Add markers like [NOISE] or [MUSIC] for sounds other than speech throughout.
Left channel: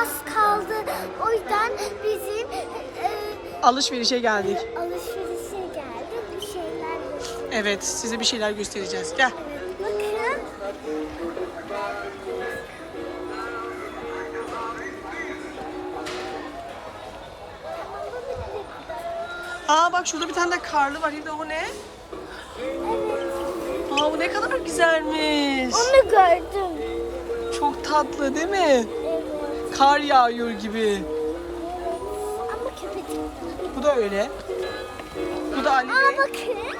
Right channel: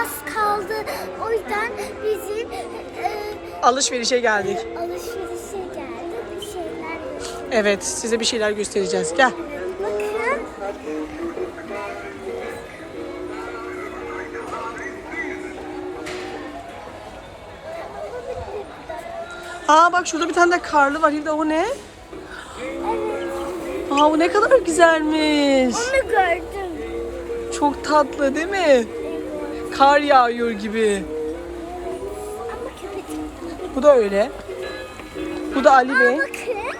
az kaldı. O yüzden bizim e, Alışverişe geldik. alışverişe geldik. Bir şeyler gösterdik. Evet size bir şeyler göstereceğiz. Gel. Bakın. Aa bak şurada bir tane de karlı var. Hilda o ne? Aa bu ne kadar güzelmiş. Onu gördüm. Çok tatlı değil mi? Kar yağıyor gibi. Ama köpek. Bu da öyle. Bu da Ali Aa Bey. bakın.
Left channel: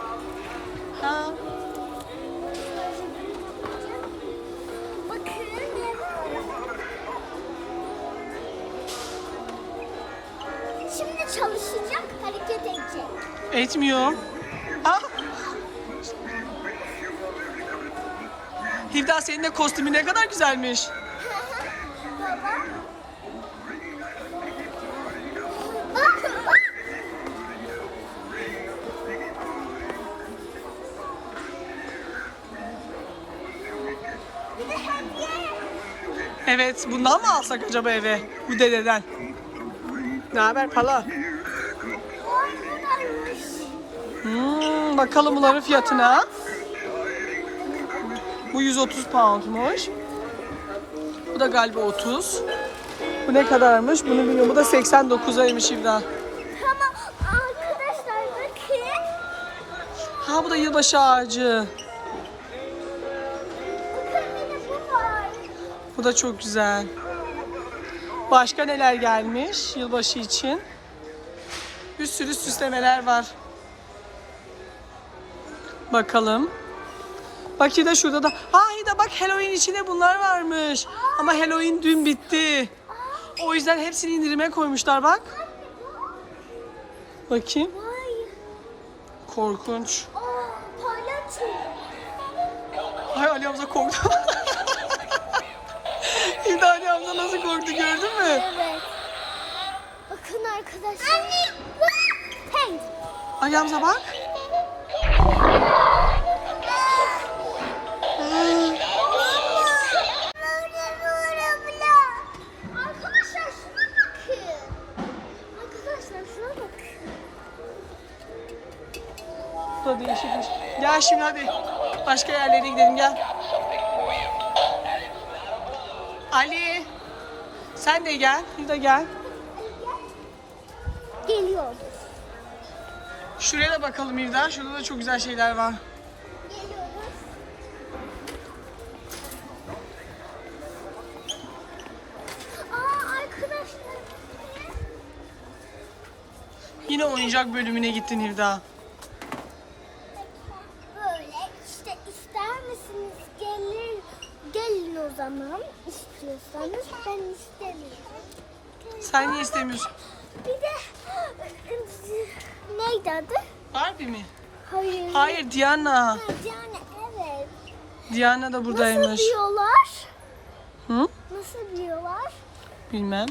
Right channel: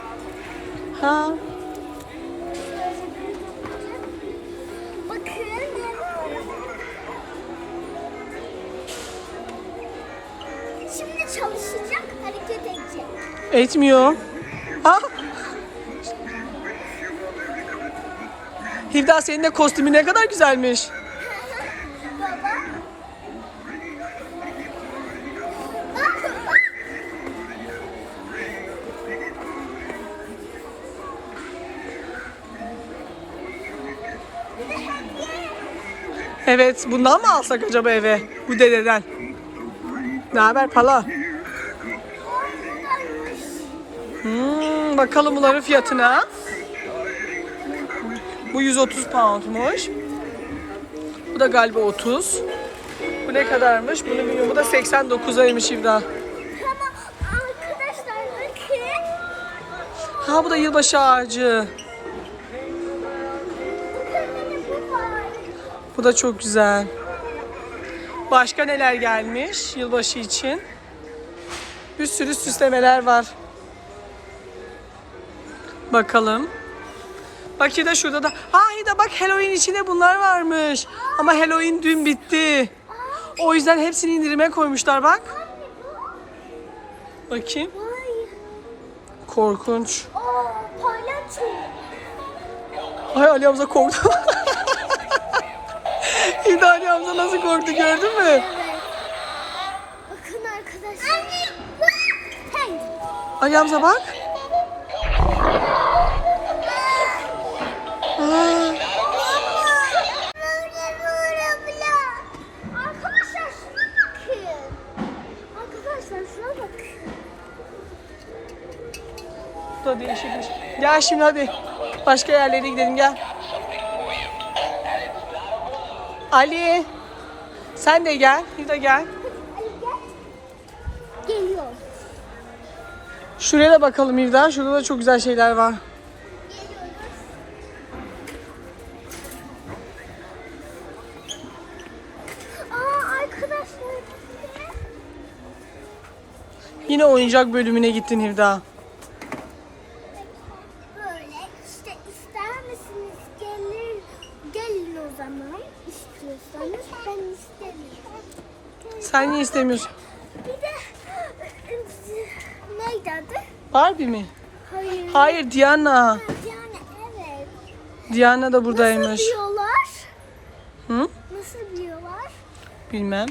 Ha. Bakın ne var? Şimdi çalışacak, hareket edecek. Etmiyor. Ha? Hilda senin de kostümü ne kadar güzelmiş. Evet bundan mı alsak acaba eve? Bu dededen. Ne haber pala? Hmm, bakalım bunların fiyatına. Bu 130 poundmuş. Bu da galiba 30. Bu ne kadarmış? Bunu bilmiyorum. Bu da 89'aymış Hilda. Ama arkadaşlar bakın. Ha bu da yılbaşı ağacı. Bu da çok güzel. Başka neler gelmiş yılbaşı için? Bir sürü süslemeler var. Bakalım. Bak de şurada da. Ha de bak Halloween içinde bunlar varmış. Ama Halloween dün bitti. O yüzden hepsini indirime koymuşlar bak. Bakayım. Korkunç. Ay Ali Hamza korktu. [LAUGHS] Hamza nasıl korktu gördün mü? Evet. Bakın arkadaşlar. Anne. Hey. Ali Hamza bak. Aa, değişikmiş. Gel şimdi hadi. Başka yerlere gidelim gel. Ali. Sen de gel. Hilda gel. Geliyor. Şuraya da bakalım Hilda. Şurada da çok güzel şeyler var. Yine oyuncak bölümüne gittin Hilda. Böyle işte ister misiniz? Gelin, gelin o zaman istiyorsanız ben istemiyorum. Sen niye istemiyorsun? Bir de neydi adı? Barbie mi? Hayır. Hayır Diana. Yani evet. Diana da buradaymış. Nasıl diyorlar? Hı? Nasıl diyorlar? Bilmem.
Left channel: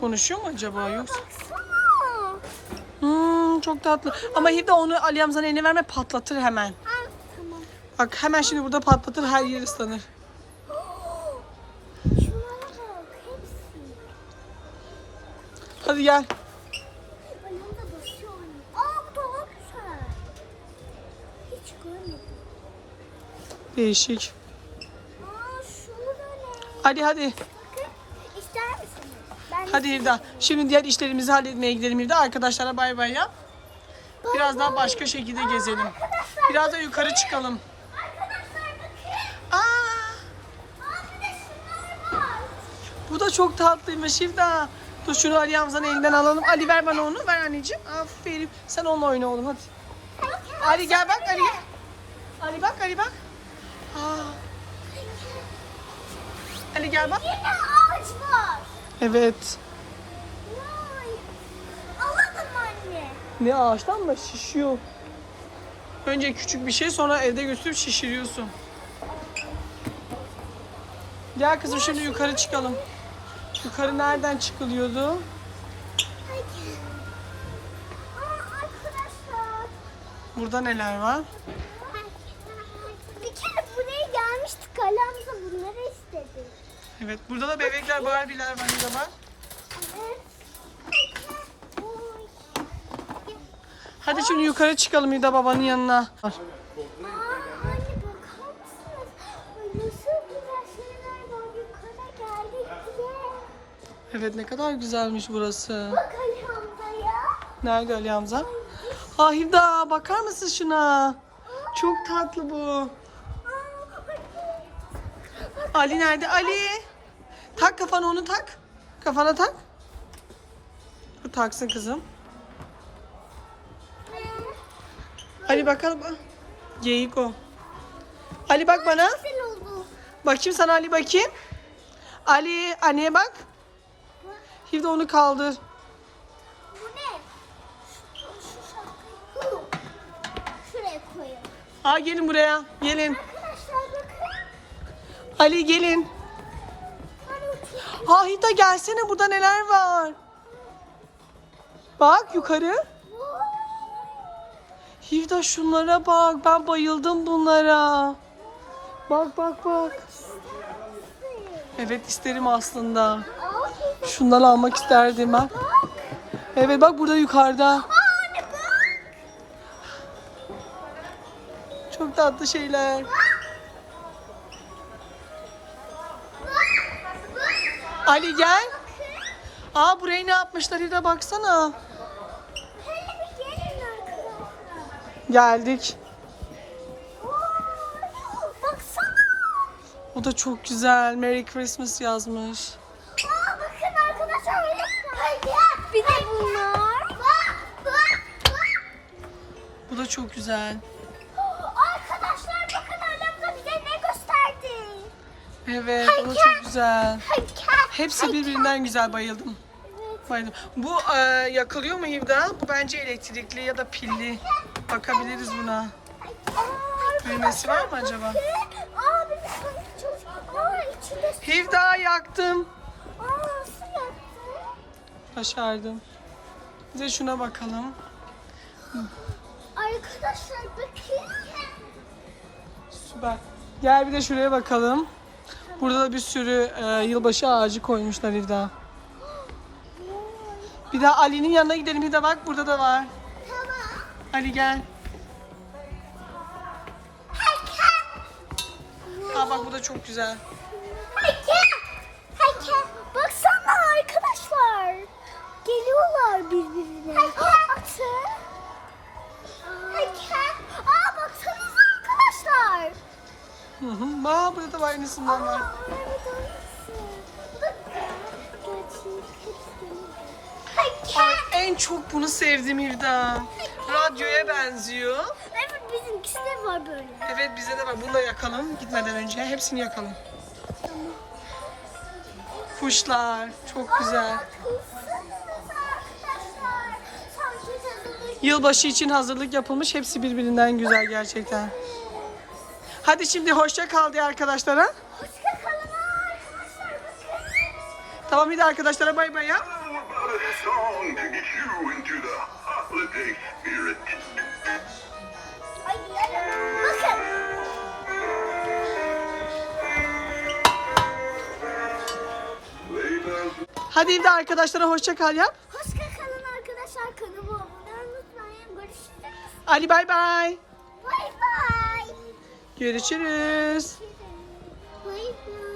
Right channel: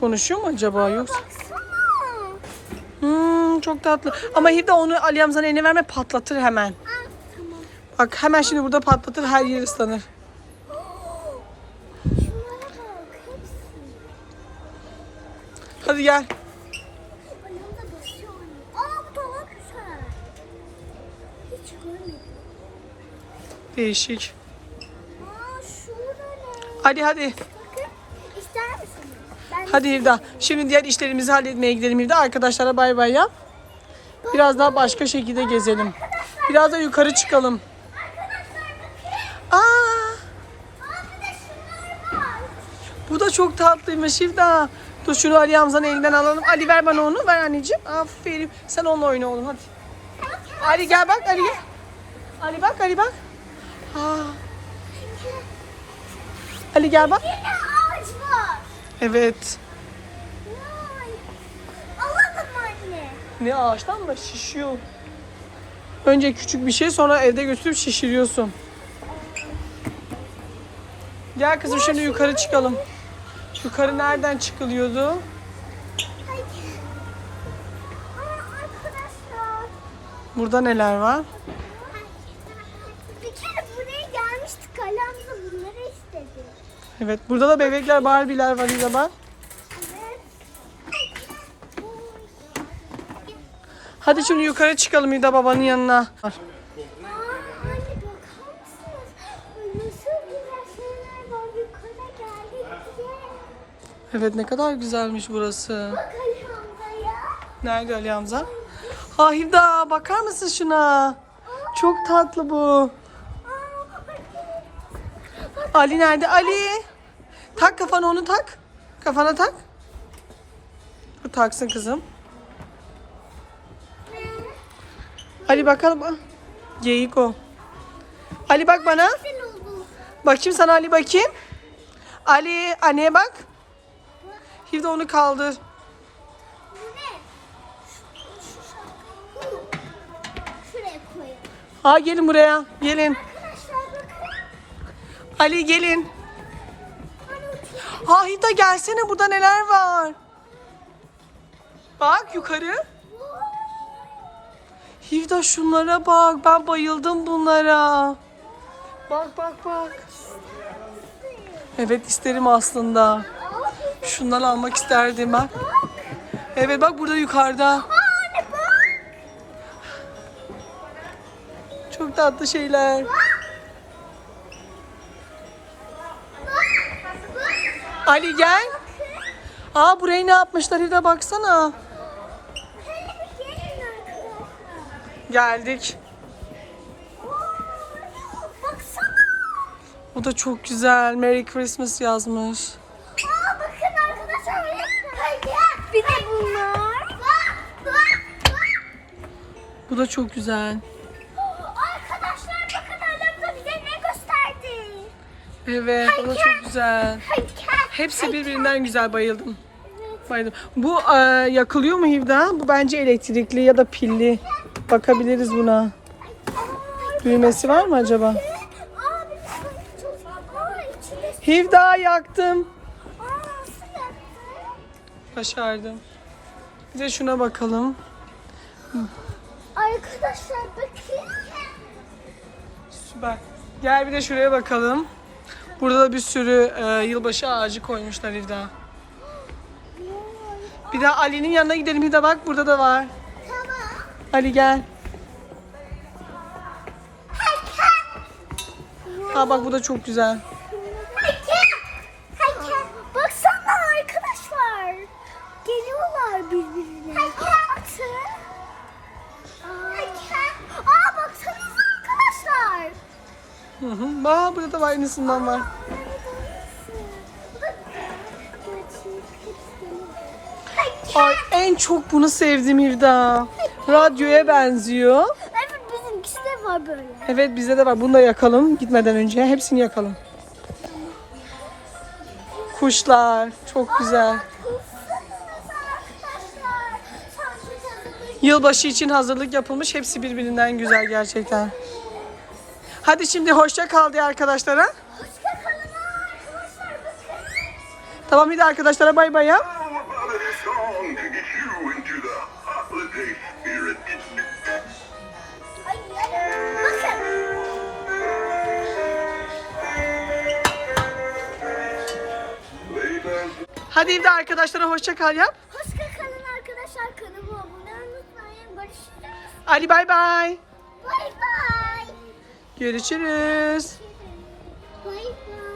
Konuşuyor mu acaba yoksa? Baksana. Hmm, çok tatlı. Ama Hilda onu Ali Hamza'nın eline verme patlatır hemen. Aa, tamam. Bak hemen şimdi burada patlatır her yer ıslanır. Hadi gel. Ayağımda basıyor. Aa bu daha güzel. Hiç görmedim. Değişik. Aa şurada ne? Hadi hadi. Bakın ister misiniz? Ben Hadi Hilda. Şimdi diğer işlerimizi halletmeye gidelim Hilda. Arkadaşlara bay bay yap. Biraz daha başka şekilde gezelim. Biraz da yukarı çıkalım. Aa, bu da çok tatlıymış Hilda. Dur şunu Ali Hamza'nın elinden alalım. Ali ver bana onu. Ver anneciğim. Aferin. Sen onunla oyna oğlum hadi. Ali gel bak Ali gel. Ali bak Ali bak. Aa. Ali gel bak. Evet. Ne ağaçtan mı şişiyor? Önce küçük bir şey sonra evde götürüp şişiriyorsun. Gel kızım şimdi yukarı çıkalım. Yukarı nereden çıkılıyordu? Burada neler var? Bir kere buraya gelmiştik. Alamda bunları istedi. Evet burada da bebekler Barbie'ler var İza bak. Hadi şimdi yukarı çıkalım İda babanın yanına. Evet ne kadar güzelmiş burası. Bak Ali Hamza ya. Nerede Ali Hamza? Ah İda bakar mısın şuna? Çok tatlı bu. Ali nerede? Ali. Tak kafana onu tak. Kafana tak. Taksın kızım. Ali bakalım. Geyik o. Ali bak bana. Bakayım sana Ali bakayım. Ali anneye bak. Hivde onu kaldır. Bu ne? Şuraya koyalım. Ha gelin buraya. Gelin. Ali gelin. Ha gelsene burada neler var. Bak yukarı. Hivda şunlara bak. Ben bayıldım bunlara. Bak bak bak. Evet isterim aslında. Şundan almak isterdim bak. Evet bak burada yukarıda. Çok tatlı şeyler. Ali gel. Aa burayı ne yapmışlar Hivda baksana. Geldik. Bu da çok güzel. Merry Christmas yazmış. Aa bakın arkadaşlar. Bunlar. Bak bak bak. Bu da çok güzel. Arkadaşlar bakın Alamda bize ne gösterdi. Evet, o da çok güzel. Heykel. Hepsi birbirinden güzel bayıldım. Bayıldım. Bu e, yakılıyor mu Hivda? Bu bence elektrikli ya da pilli. Bakabiliriz buna. Düğmesi var mı acaba? Hivda yaktım. Aa? Başardım. Bir de şuna bakalım. Arkadaşlar bakın. Süper. Gel bir de şuraya bakalım. Burada da bir sürü e, yılbaşı ağacı koymuşlar Hivda. Bir de Ali'nin yanına gidelim Hivda bak burada da var. Ali gel. Ha bak bu da çok güzel. Geliyorlar birbirine. Heykel. Aa baksanıza arkadaşlar. Hı hı. Aa, burada da aynısından var. Bu da gerçek. Ay, en çok bunu sevdim Hivda. Radyoya benziyor. Evet bizimkisi de var böyle. Evet bize de var. Bunu da yakalım gitmeden önce. Hepsini yakalım. Kuşlar. Çok güzel. Yılbaşı için hazırlık yapılmış. Hepsi birbirinden güzel gerçekten. Hadi şimdi hoşça kal diye arkadaşlara. Hoşça kalın arkadaşlar. Tamam bir de arkadaşlara bay bay yap. Hadi bir de arkadaşlara hoşça kal yap. Hoşça kalın arkadaşlar. Kanalıma abone olmayı unutmayın. Görüşürüz. Ali bay bay. Bay bay. Görüşürüz. Bay bay.